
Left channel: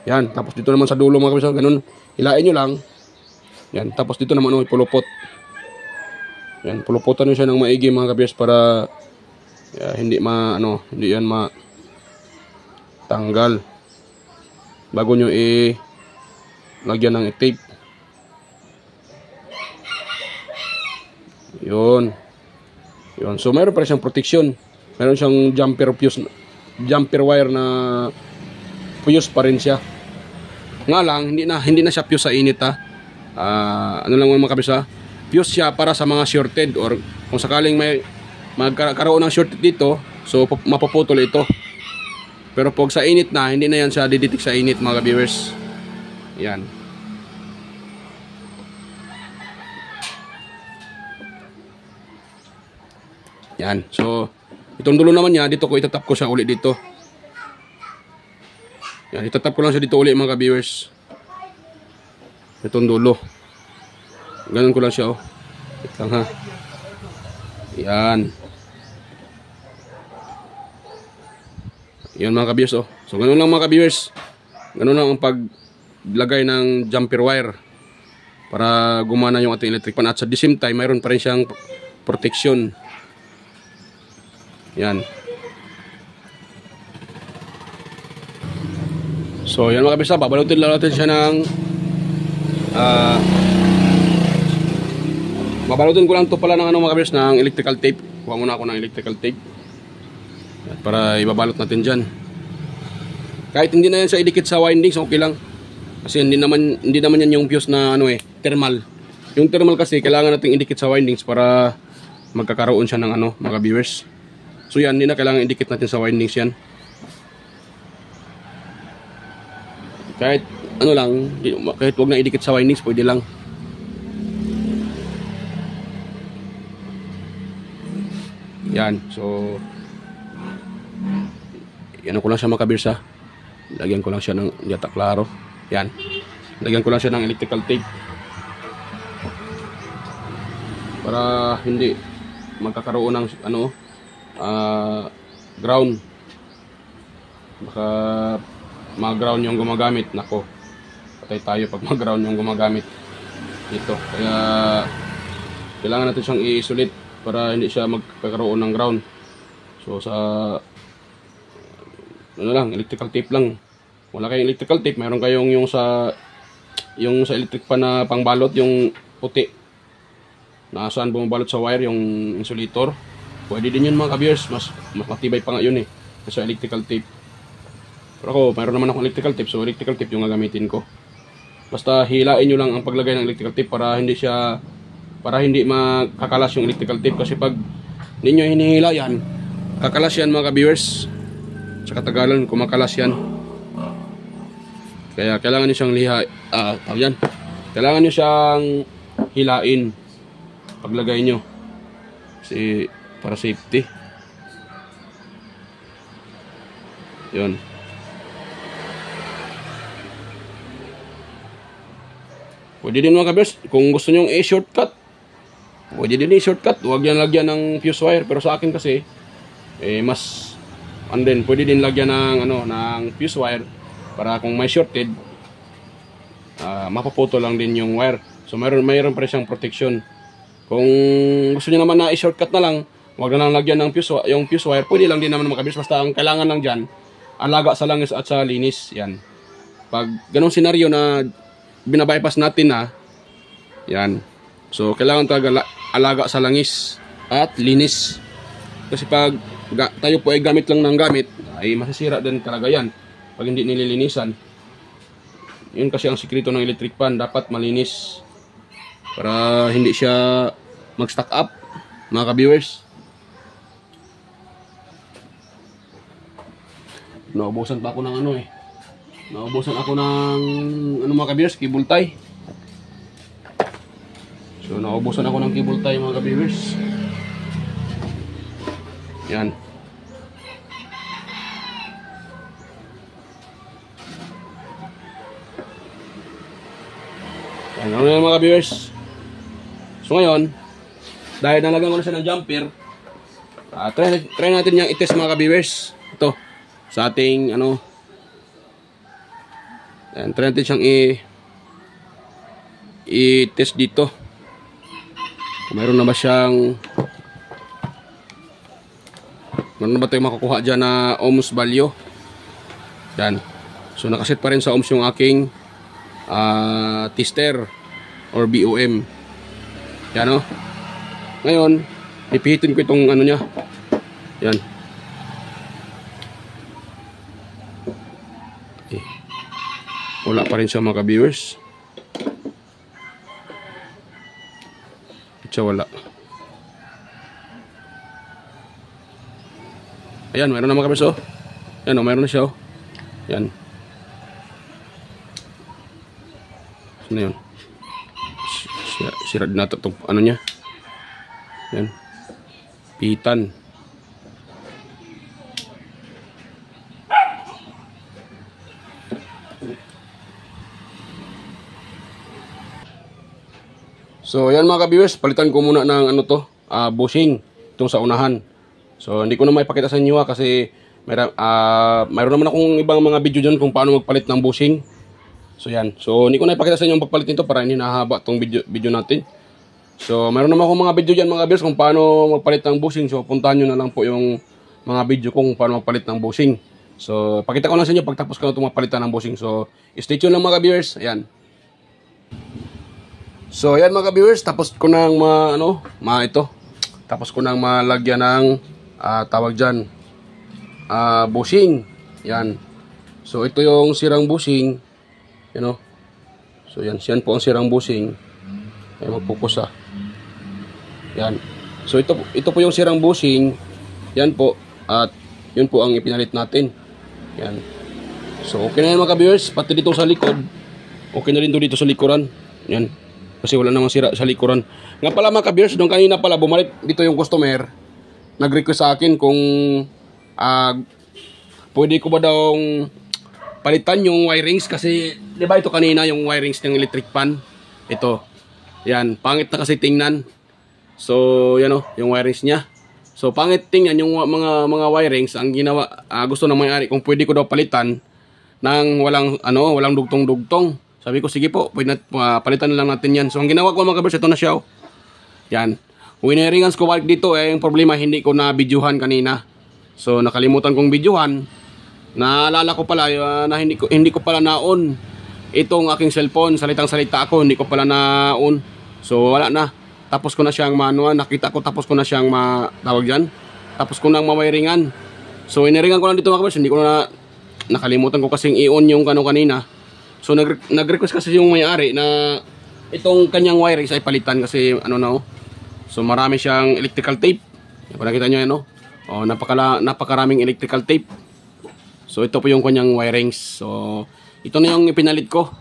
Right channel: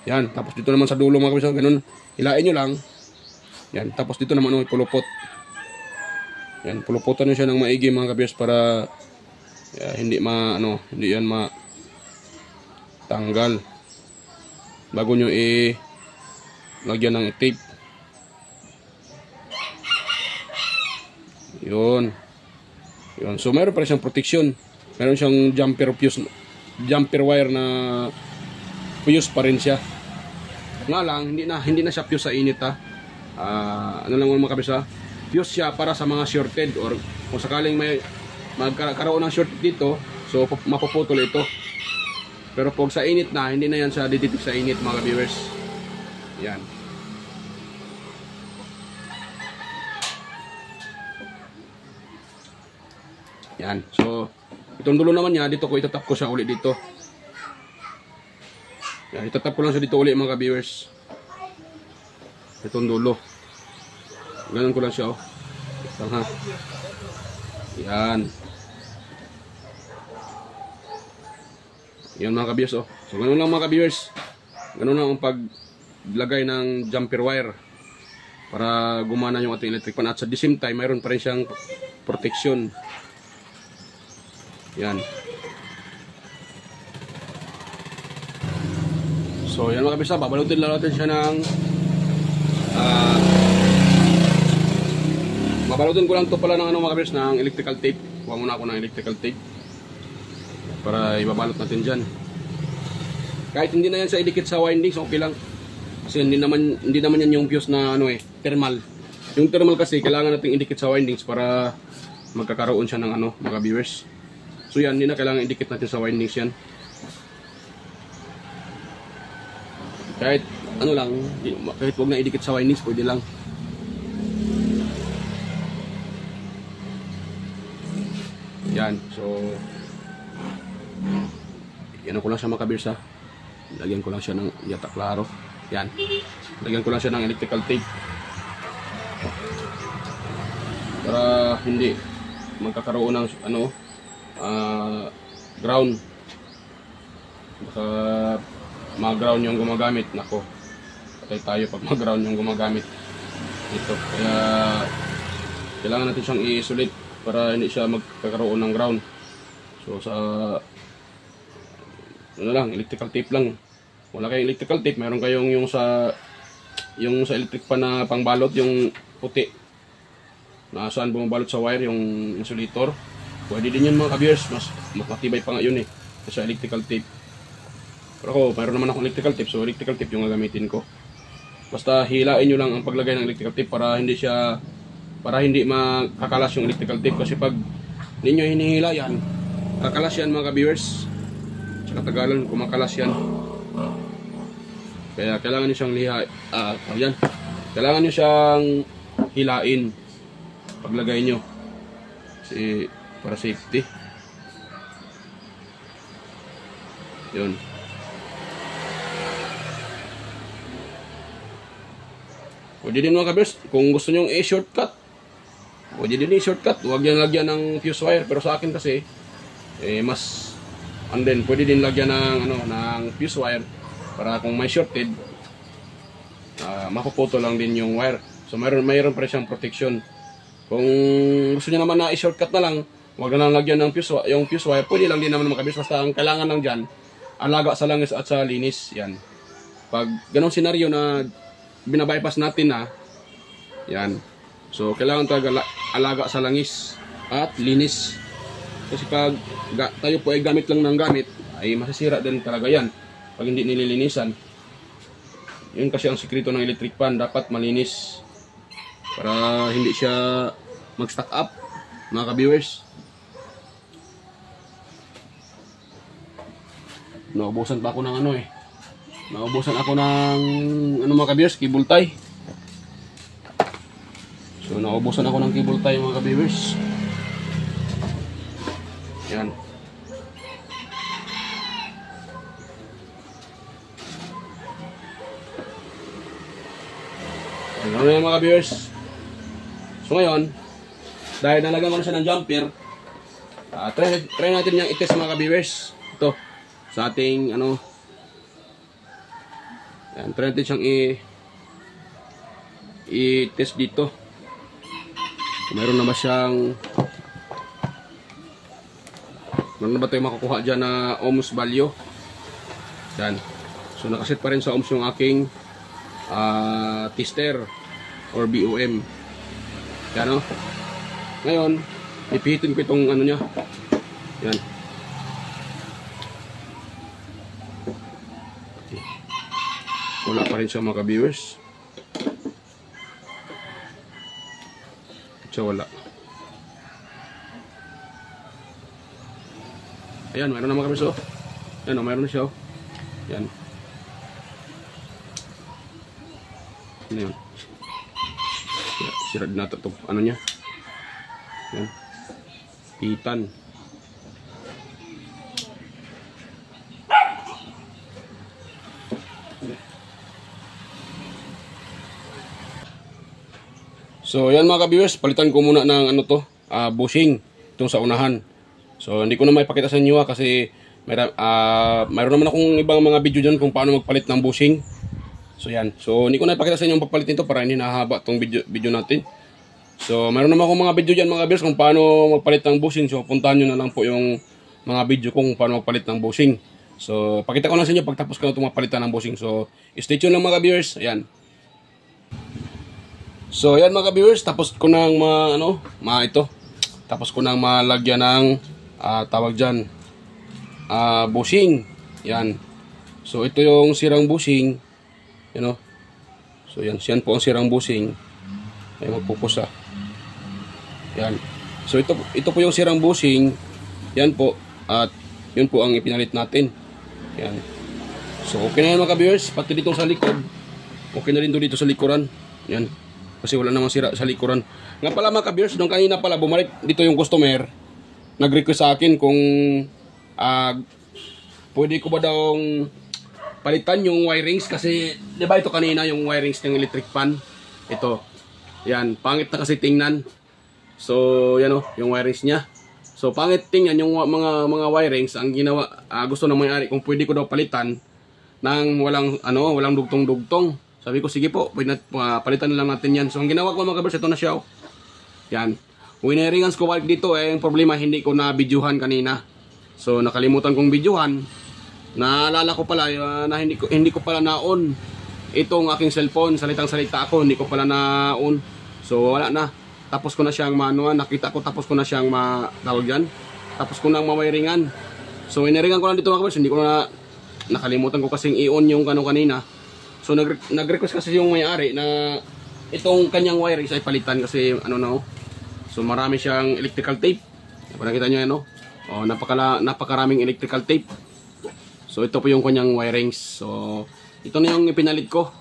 Yan, tapos dito naman sa dulo mga kabisa, ganun, hilain nyo lang. Yan, tapos dito naman ipulupot. Yan, puluputan nyo siya ng maigi mga kabisa para hindi hindi yan tanggal. Bago nyo lagyan ng tape. Yun. So mayroon pa rin siyang protection. Mayroon siyang jumper wire na fuse pa rin siya. Nga lang, hindi na siya fuse sa init ha. Ano lang mga kabisa, fuse siya para sa mga shorted or kung sakaling may magkaroon ng shorted dito, so mapuputol ito. Pero pag sa init na, hindi na yan siya didetect sa init mga viewers. Yan. Yan. So itong dulo naman niya, dito ko itatap ko siya ulit dito. Yan, itatap ko lang siya dito ulit mga viewers. Itong dulo. Ganun ko lang siya oh. Lang ha. Yan. Yan mga ka-viewers oh. So ganun lang mga ka-viewers. Ganun lang ang paglagay ng jumper wire para gumana yung ating electric pan at sa the same time mayroon pa rin siyang protection. Yan. So yan mga ka-viewers, babalutin lang natin siya ng babalutin ko lang to pala ng mga ka-viewers ng electrical tape. Kuha muna ako ng electrical tape para ibabalot natin dyan. Kahit hindi na yan sa idikit sa windings, okay lang. Kasi hindi naman yan yung fuse na thermal. Yung thermal kasi kailangan nating idikit sa windings para magkakaroon siya ng mga viewers. So yan, hindi na kailangan idikit natin sa windings yan. Kahit kahit wag na idikit sa windings, pwede lang. Yan, so yan ko lang siya makabirsa. Lagyan ko lang siya ng yata klaro. Yan. Lagyan ko lang siya ng electrical tape. Para hindi magkakaroon ng ground. Baka mag-ground yung gumagamit. Nako. Patay tayo pag mag-ground yung gumagamit. Ito. Kaya kailangan natin siyang i-isolate para hindi siya magkakaroon ng ground. So sa electrical tape lang. Wala kayong electrical tape, mayroon kayong yung sa electric pan na pangbalot, yung puti na saan bumabalot sa wire yung insulator. Pwede din yun mga ka-viewers, mas matibay pa nga yun eh kasi electrical tape. Pero ako, mayroon naman akong electrical tape, so electrical tape yung gagamitin ko. Basta hilain nyo lang ang paglagay ng electrical tape para hindi makakalas yung electrical tape, kasi pag ninyo hinihila yan, kakalas yan mga ka-viewers. Sa katagalan kumakalas yan. Kaya kailangan nyo siyang kailangan nyo siyang hilain paglagay nyo kasi para safety. Yun. Pwede din mga kabers, kung gusto nyo i-shortcut, pwede din i-shortcut. Huwag yan lagyan ng fuse wire. Pero sa akin kasi, and then pwede din lagyan ng fuse wire para kung may shorted, mapuputo lang din yung wire. So mayroon pa rin siyang protection. Kung gusto nyo naman na i-shortcut na lang, huwag na lang lagyan ng yung fuse wire. Pwede lang din naman mga kabers. Basta ang kailangan lang dyan, alaga sa langis at sa linis. Yan. Pag ganong senaryo na binabypass natin yan. So kailangan talaga alaga sa langis at linis. Kasi pag tayo po ay gamit lang ng gamit, ay masisira din talaga yan pag hindi nililinisan. Yun kasi ang sikreto ng electric pan, dapat malinis para hindi siya mag-stack up mga ka-viewers. Naubusan pa ako ng naubusan ako ng mga ka-viewers, cable tie. So naubusan ako ng cable tie mga ka-viewers. Yan. Ano yan mga ka-viewers. So ngayon, dahil nalagyan ko na siya ng jumper, try natin yung i-test mga ka-viewers. Ito sa ating yan, try natin siyang i-test dito. Mayroon na ba tayo makukuha dyan na ohms value. Yan. So nakaset pa rin sa ohms yung aking tester or BOM. Yan Ngayon, ipihitin ko itong niya. Yan. Okay. Wala pa rin siya mga ka-viewers. Wala. Ayan, mayroon na mga ka-viewers. Yan mayroon na siya. Yan. Ano yun? Sira din natin itong niya. Yan. Pitan. So yan mga ka-viewers, palitan ko muna ng bushing itong sa unahan. So hindi ko na maipakita sa inyo kasi mayroon naman akong ibang mga video dyan kung paano magpalit ng bushing. So yan. So hindi ko na ipakita sa inyo ang pagpalit nito para hindi nahaba itong video natin. So mayroon naman akong mga video dyan mga ka-viewers kung paano magpalit ng bushing. So puntahan nyo na lang po yung mga video kung paano magpalit ng bushing. So pakita ko lang sa inyo pagtapos ko na itong mapalitan ng bushing. So stay tuned lang mga ka-viewers. Ayan. So yan mga ka-viewers, tapos ko nang tapos ko nang malagyan ng tawag dyan bushing. Yan. So ito yung sirang bushing. So yan po ang sirang bushing. Ay magpupusa. Yan. So ito po yung sirang bushing. Yan po. At yun po ang ipinalit natin. Yan. So okay na yan mga ka-viewers, pati dito sa likod. Okay na rin dito sa likuran. Yan. Kasi wala namang sira sa likuran. Nga pala mga ka-viewers, nung kanina pala bumalik dito yung customer, nag-request sa akin kung pwede ko ba daw palitan yung wirings. Kasi di ba ito kanina yung wirings ng electric pan. Ito. Yan, pangit na kasi tingnan. So yan yung wirings niya. So pangit tingnan yung mga wirings. Ang ginawa, gusto ng may-ari kung pwede ko daw palitan ng walang dugtong-dugtong. Sabi ko, sige po, palitan na lang natin yan. So, ang ginawa ko mga ka-viewers, ito na siya. Yan. Winiringan ko balik dito, yung problema, hindi ko na videohan kanina. So, nakalimutan kong videohan. Naalala ko pala na hindi ko pala na-on itong aking cellphone. Salitang-salita ako, hindi ko pala na-on. So wala na. Tapos ko na siyang manuan, nakita ko tapos ko na siyang tawag diyan. Tapos ko nang mawiringan. So iniringan ko lang dito mga kabers, hindi ko na nakalimutan ko kasing i-on yung kanina. So nag-request kasi yung may-ari na itong kanyang wire ay palitan kasi ano na. So marami siyang electrical tape. Kung nakita nyo yan, no? Oh, napakaraming electrical tape. So ito po yung kanyang wirings. So ito na yung ipinalit ko.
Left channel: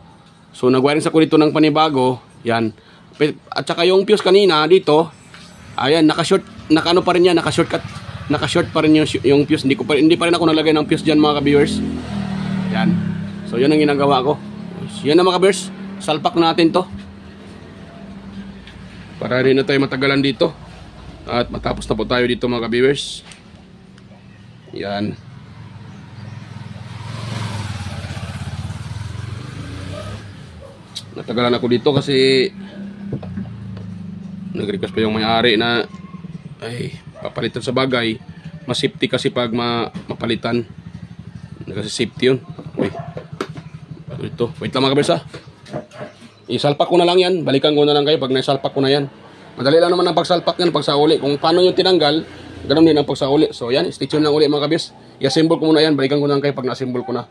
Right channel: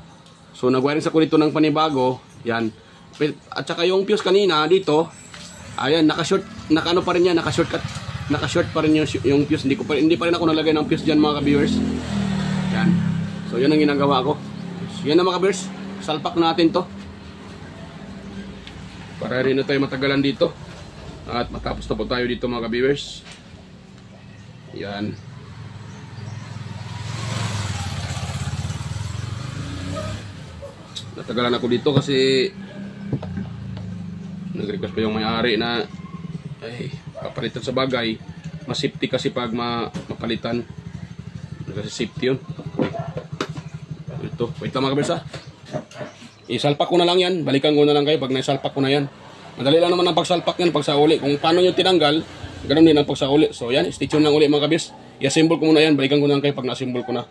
So nag-wirings ako dito ng panibago. Yan. At saka yung fuse kanina dito, ayan, naka-short pa rin yan, naka-short pa rin yung fuse. Hindi pa rin ako nalagay ng fuse diyan mga ka-viewers. Yan. So yan ang ginagawa ko. Yan na mga ka-viewers. Salpak natin to. Para rin na tayo matagalan dito. At matapos na po tayo dito mga ka-viewers. Yan. Natagalan ako dito kasi nag-request pa yung may-ari na ay papalitan sa bagay. Mas safety kasi pag mapalitan. Kasi safety yun. Okay. Ito. Wait lang mga ka-viewers ha. Isalpak ko na lang yan. Balikan ko na lang kayo pag naisalpak ko na yan. Madali lang naman ang pagsalpak yan, pagsauli. Kung paano yung tinanggal, ganoon din ang pagsauli. So yan, stay tuned lang uli mga kabis. I-assemble ko muna yan, balikan ko na lang kayo pag na-assemble ko na.